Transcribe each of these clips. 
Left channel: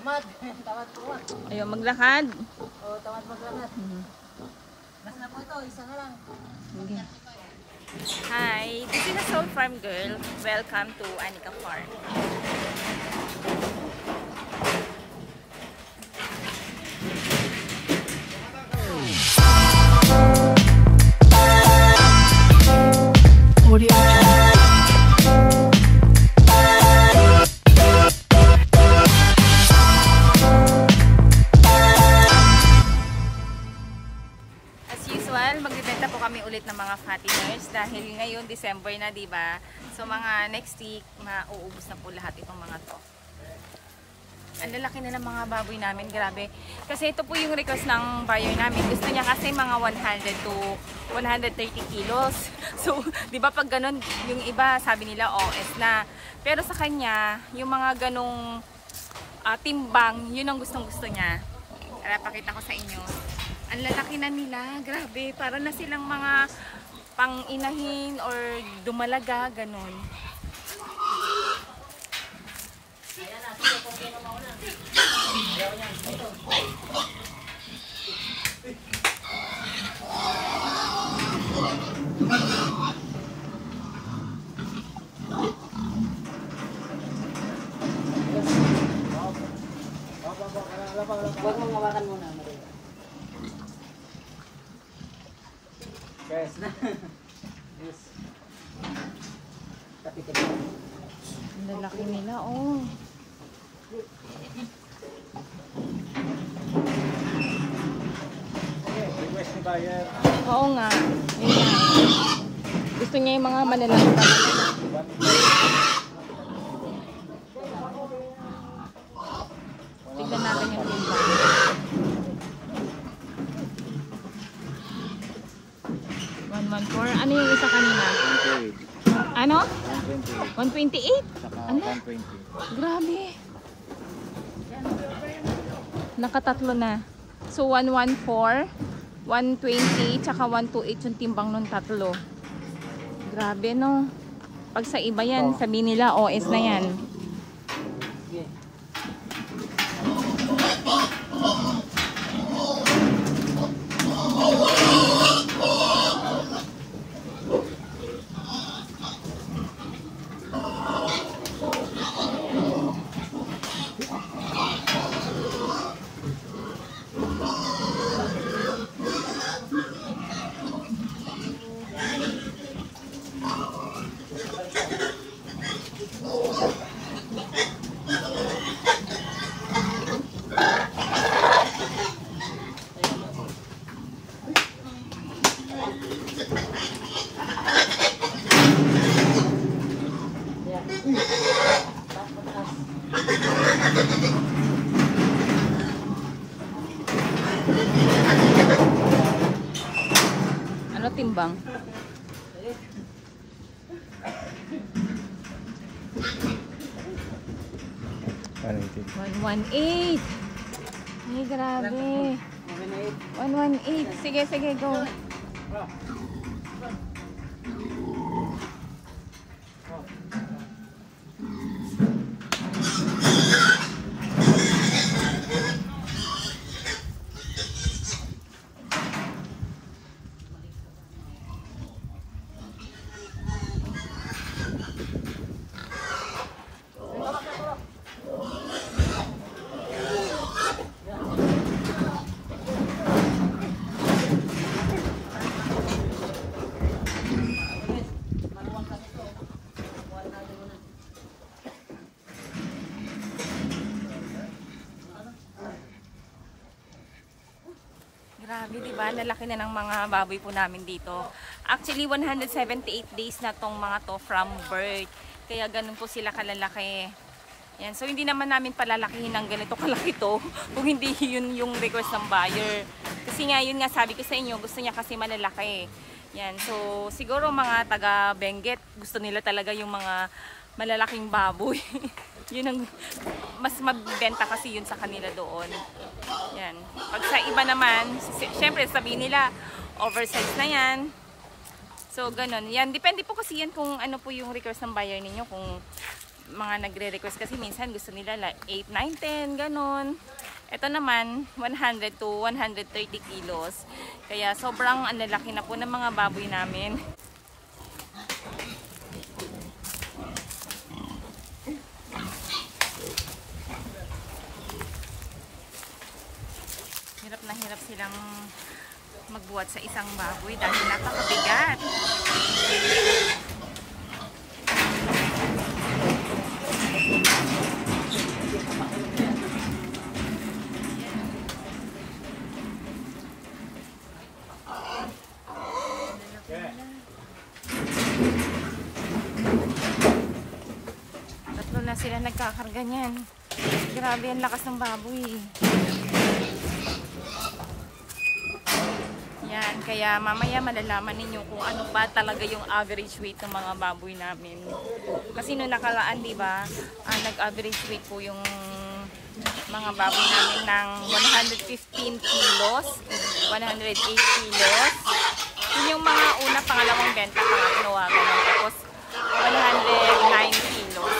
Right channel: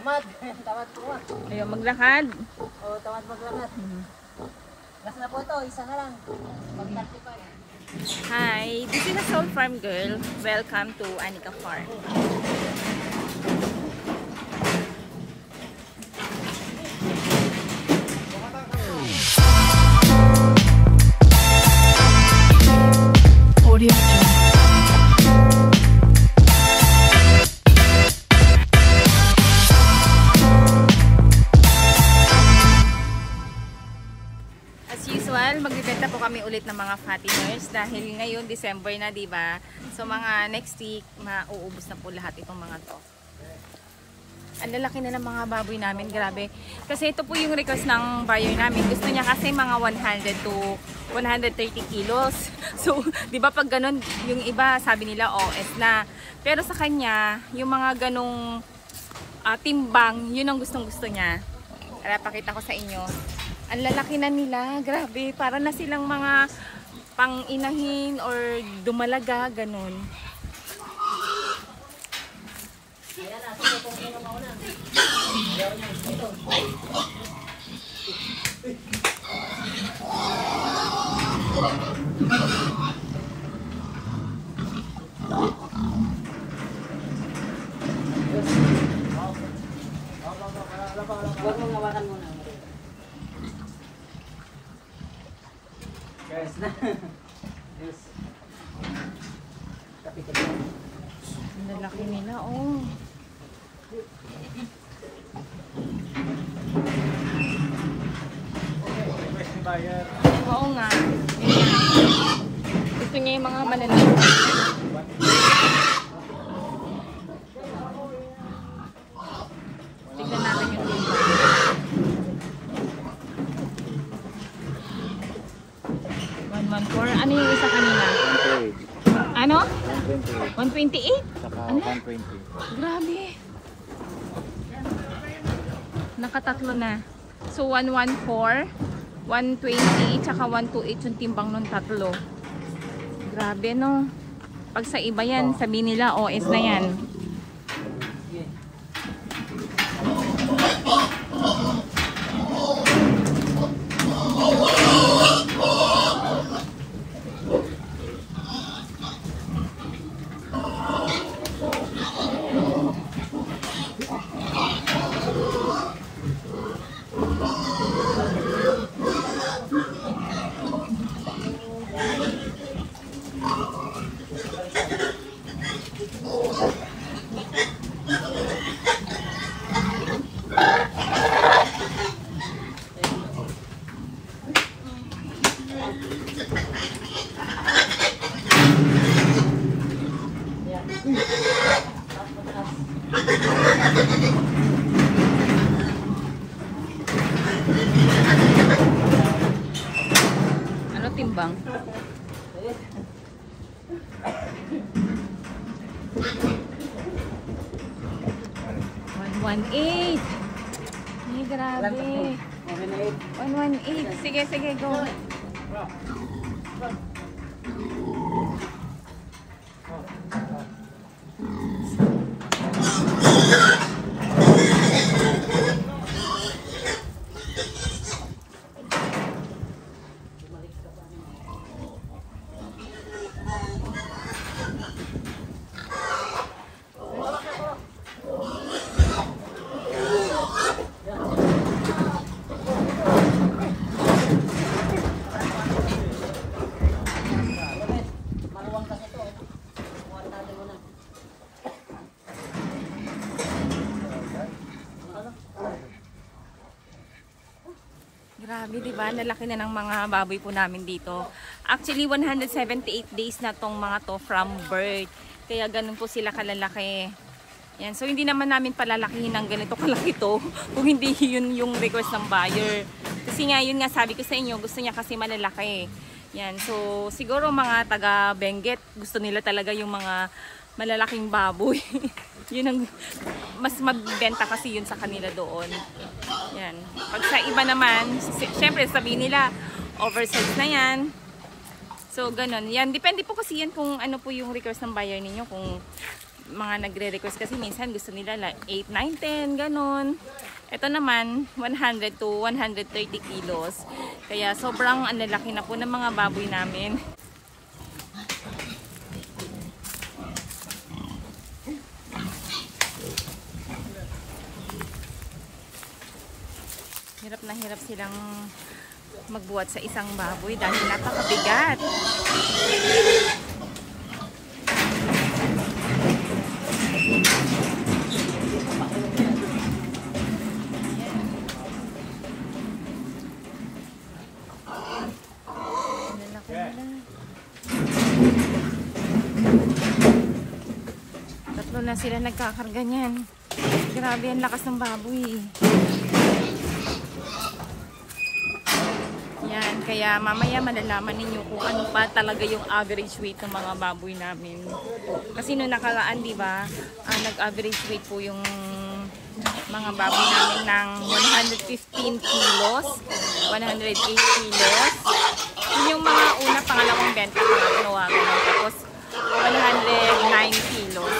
Tamad. Tamad po. Ayaw maglakad. Oo, tamad maglakad. Last na po to, isa na lang. Hi, this is a Soul Farm girl. Welcome to Anika Farm. Audio Jungle. As usual, magbibenta po kami ulit ng mga fatteners dahil ngayon December na, 'di ba? So mga next week mauubos na po lahat itong mga 'to. Ang lalaki na ng mga baboy namin, grabe. Kasi ito po yung request ng buyer namin. Gusto niya kasi mga 100 to 130 kilos. So, 'di ba pag ganun, yung iba sabi nila OS na. Pero sa kanya, yung mga ganung timbang, yun ang gustong-gusto niya. Para pakita ko sa inyo. Ang lalaki na nila, grabe. Para na silang mga pang-inahin or dumalaga, ganun. Ayan na, sige po kayo mauna. Ayaw niya, ito. Huwag mong mawakan muna. Yes na. Yes. Tapi ko. Ang lalaki nila, oh. Oo nga. Gusto niya yung mga malalaki. Tignan natin yung iba. Ano yung isa kanina? Ano? 128? Ano? Grabe. Nakatatlo na. So 114, 120, tsaka 128 yung timbang ng tatlo. Grabe, no? Pag sa iba yan, sabi nila OS na yan. Ano timbang? 118. Ay, grabe. 118. Sige, sige, go. Grabe, diba? Nalaki na ng mga baboy po namin dito. Actually, 178 days na tong mga to from birth. Kaya ganun po sila kalalaki. Yan. So, hindi naman namin palalakihin ng ganito kalaki to. Kung hindi yun yung request ng buyer. Kasi nga, yun nga sabi ko sa inyo, gusto niya kasi malalaki. Yan. So, siguro mga taga Benguet, gusto nila talaga yung mga malalaking baboy. Yun ang mas magbenta kasi yun sa kanila doon. Yan. Pag sa iba naman, syempre sabihin nila oversize na yan. So ganun. Yan, depende po kasi yan kung ano po yung request ng buyer ninyo, kung mga nagre-request kasi minsan gusto nila 8, 9, 10, ganun. Ito naman, 100 to 130 kilos. Kaya sobrang lalaki na po ng mga baboy namin. Hirap na hirap silang magbuhat sa isang baboy dahil napakabigat. Tatlo na sila nagkakarga niyan. Grabe ang lakas ng baboy. Yan, kaya mamaya malalaman ninyo kung ano pa talaga yung average weight ng mga baboy namin. Kasi nung nakalaan, di ba, nag-average weight po yung mga baboy namin ng 115 kilos, 108 kilos. Yun yung mga una, pangalawang benta, pangatlo, tapos 109 kilos.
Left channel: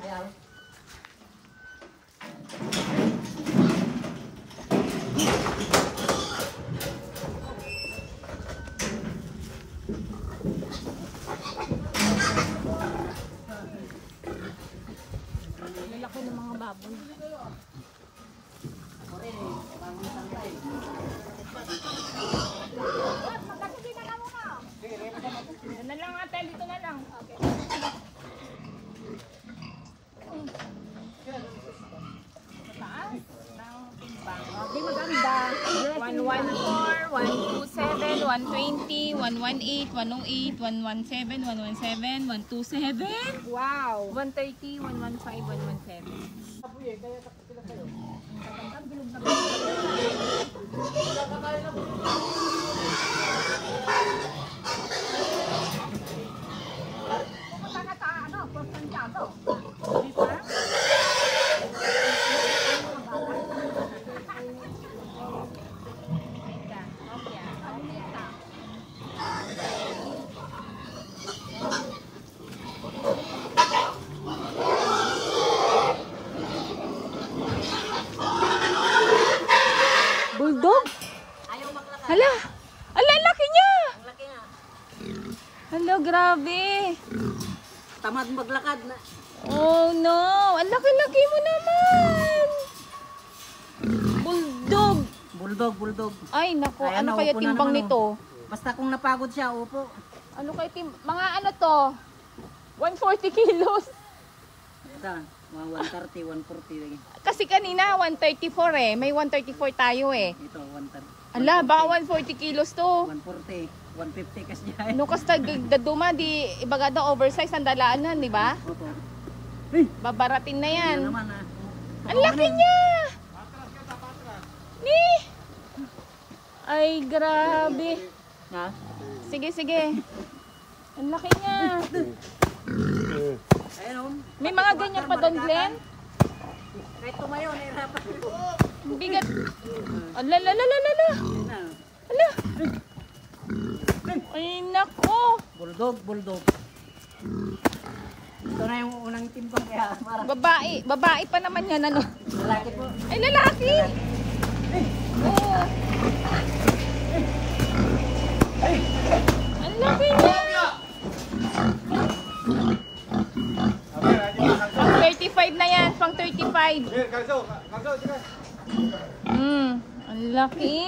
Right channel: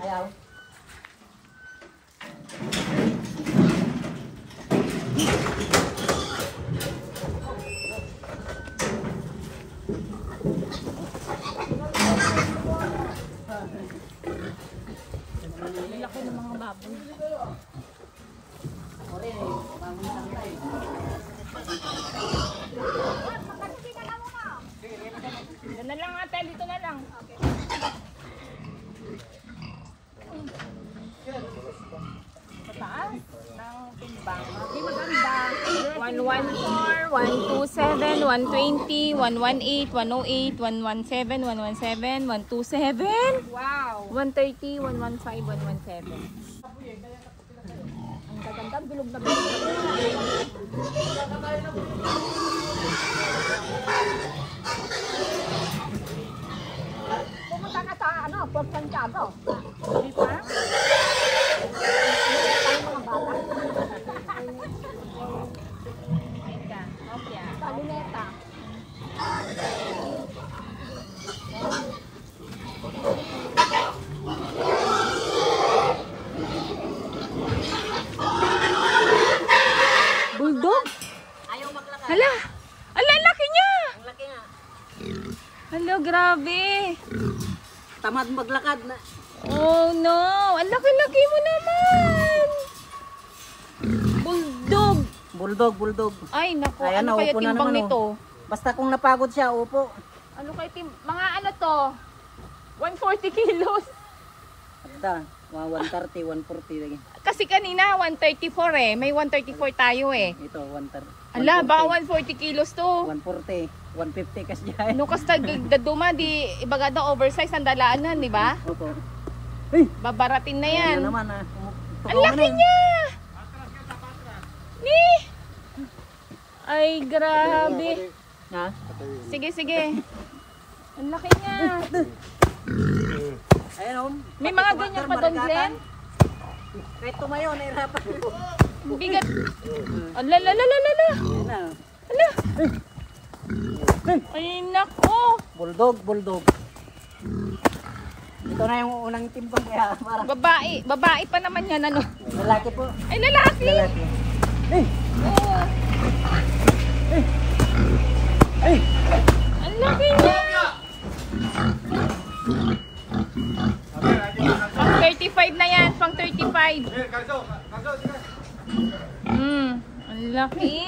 Ayaw. Laki ng mga baboy. Dito na lang ate, dito na lang. Pataas ng timbang. Hindi maganda. 114, 127, 120, 118, 108, 117, 117, 127. Wow. 130, 115, 117. Ang kagandang bilog na bilog. Pumunta ka sa Port Santiago. Di ba? Ayun ka. Opya. Palineta. Bulldog? Ayaw maglakad. Hala! Hala, laki niya! Ang laki nga. Hala, grabe! Tamad maglakad na. Oh no! Ang laki-laki mo naman! Bulldog! Bulldog. Ay, naku. Ayan, Ano kaya naupo na timbang naman, nito? Basta kung napagod siya, upo. Ano kaya mga ano to? 140 kilos. Basta, 130, 140 lagi. Kasi kanina 134 eh. May 134 tayo eh. Ito, 130. Ala, ba 140 kilos to? 140, 150 kasi dyan. No, kasi daduma, di ibagada oversize ang dalaanan, di ba? Opo. Babaratin na yan. Ano naman ah. Ang laki niya! Ni! Ay, grabe. Ha? Sige, sige. Ang laki niya. Ayan o. May mga ganyan pa doon, Glenn? Kahit tumayo, nahirapan. Bigat. Ala, la, la, la, la, la. Ayan na. Ala. Ay, nako. Bulldog. Ito na yung unang timbang kaya parang Babae pa naman yan, ano? lalaki po. Ay, lalaki. Oo. Ang laki niya. Pang 35 na yan, pang 35. Ang Laki.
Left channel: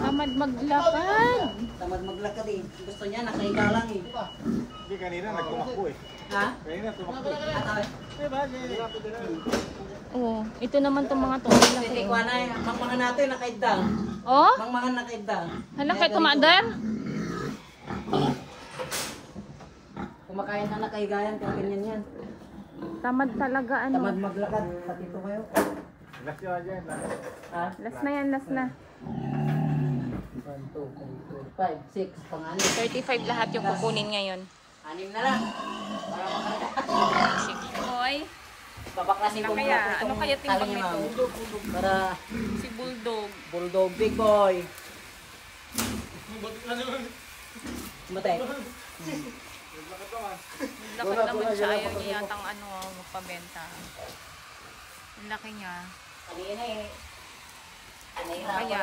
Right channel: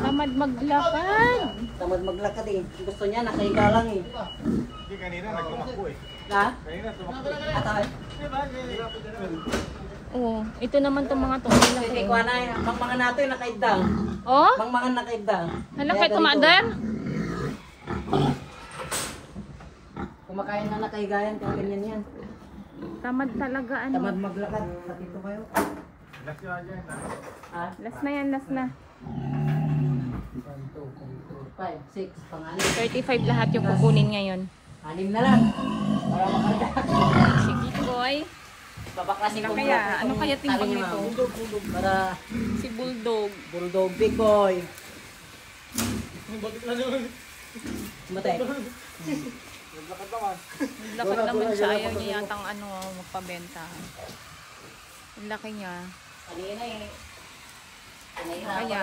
Tamad maglakad. Tamad maglakad eh. Gusto niya, nakahiga lang eh. Hindi, kanina nagtumakbo eh. Ha? Kanina tumakbo. Ata eh. Oh, ito naman tong mga to. Laki. Hindi ko na eh. Mga natin nakaidang. Oh? Mga nakaidang. Hala kay kumadar. Kumakain na nakahigayan, kaya ganyan yan. Tamad talaga ano. Tamad maglakad. Patito kayo. Last yan dyan. Ha? Last na yan, last na. 1, 2, 3, 4, 5, 6. Pang-anim. 35 lahat yung kukunin ngayon. 6 na lang. Para makarga. Sige, boy. Babak na si Sila Bulldog. kaya, ano kaya timbang Sabi niya, nito? Bulldog. Para Si Bulldog. Bulldog big boy. Bakit na naman? Matay. Naglakad naman. Lakad naman siya. Ayaw niya yatang ano, magpabenta. Ang laki niya. Kanina eh.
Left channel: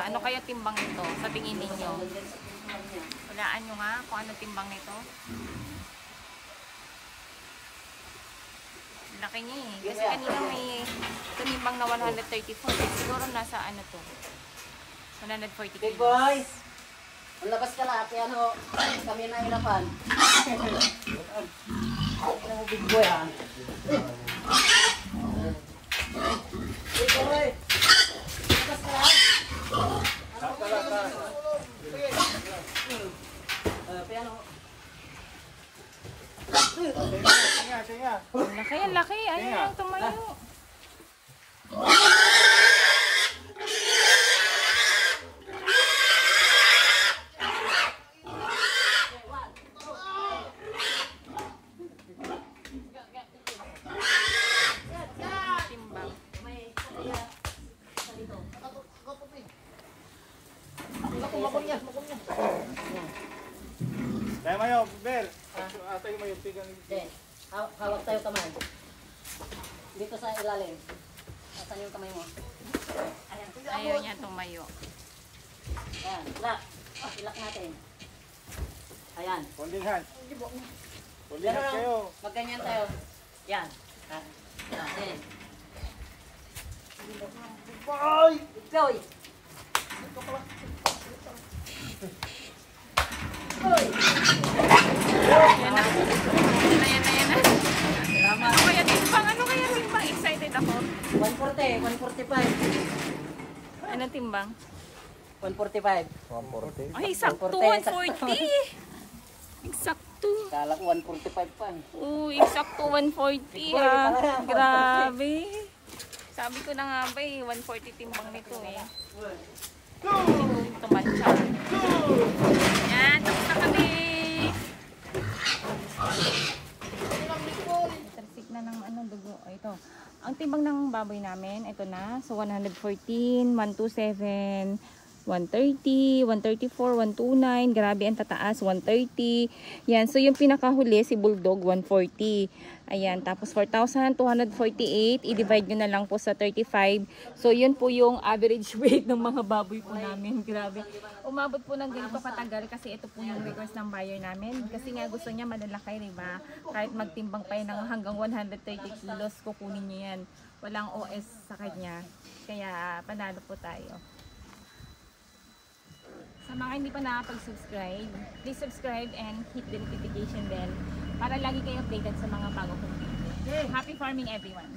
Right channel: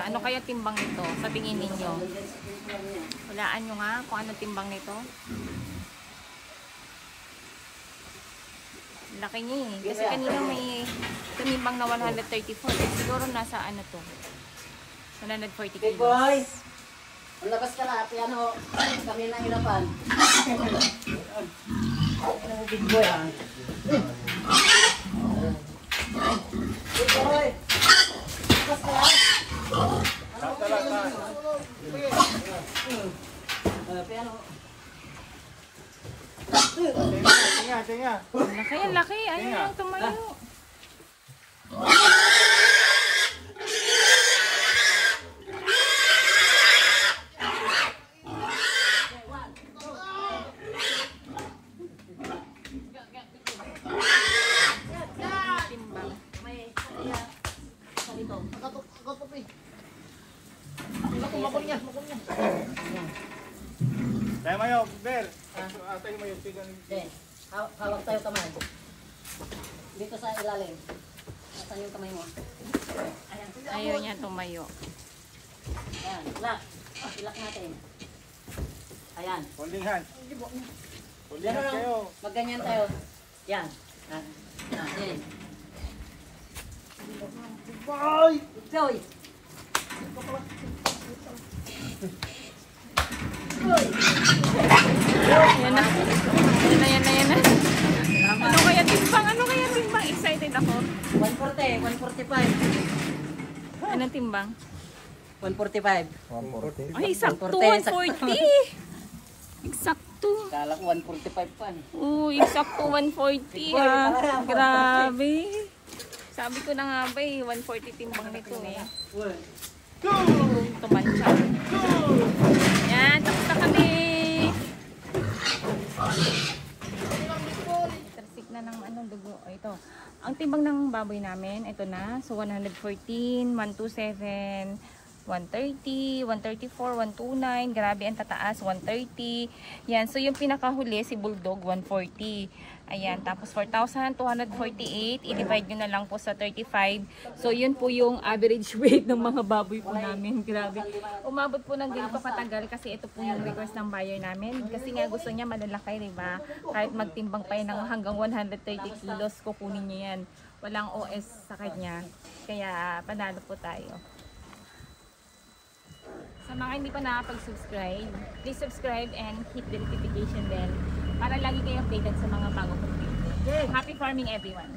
Ano kaya timbang nito sa tingin ninyo? Walaan nyo nga kung ano timbang nito. Laki niya eh. Kasi kanina may tumimbang na 134. Siguro nasa ano to? 140 Big boy. kilos. Ang labas ka na. Kaya ano, kami na hirapan. Oh, big boy ah. Big boy. Labas ka na. Piano. Tinga, tinga. Ang laki. Ano yung tumayo? Timbang. Kaya mo yun, Bel. Atay mo yung tigang. Okay. Hawak tayo kamay. Dito sa ilalim. Asan yung kamay mo? Ayan. Ayaw niya tumayo. Ayan. Ilak. Ilak natin. Ayan. Holding hand. Gano'n lang. Magganyan tayo. Yan. Ayan. Boy! Boy! Yan na. Yan na. Ano kaya timbang? Ano kaya timbang? Excited ako. 140, 145. Anong timbang? 145. Ay, sakto. 140. 140. Sakto. Kala ko 145 pa eh. Uy, sakto 140 ah. Grabe. Sabi ko na nga ba eh, 140 timbang nito eh. Tumansya. Yan, tapos na kami. Itarsik na ng anong dugo. O, ito. Ang timbang ng baboy namin, ito na. So, 114, 127, 130, 134, 129. Grabe ang tataas, 130. Yan. So, yung pinakahuli, si Bulldog, 140. Ayan. Tapos, 4,248. I-divide nyo na lang po sa 35. So, yun po yung average weight ng mga baboy po namin. Grabe. Umabot po ng ganito katagal kasi ito po yung request ng buyer namin. Kasi nga gusto niya malalaki, diba? Kahit magtimbang pa yun ng hanggang 130 kilos, kukunin niya yan. Walang OS sa kanya. Kaya, panalo po tayo. Sa mga hindi pa nakapag-subscribe, please subscribe and hit the notification bell para lagi kayo updated sa mga bago kong video. Happy farming everyone!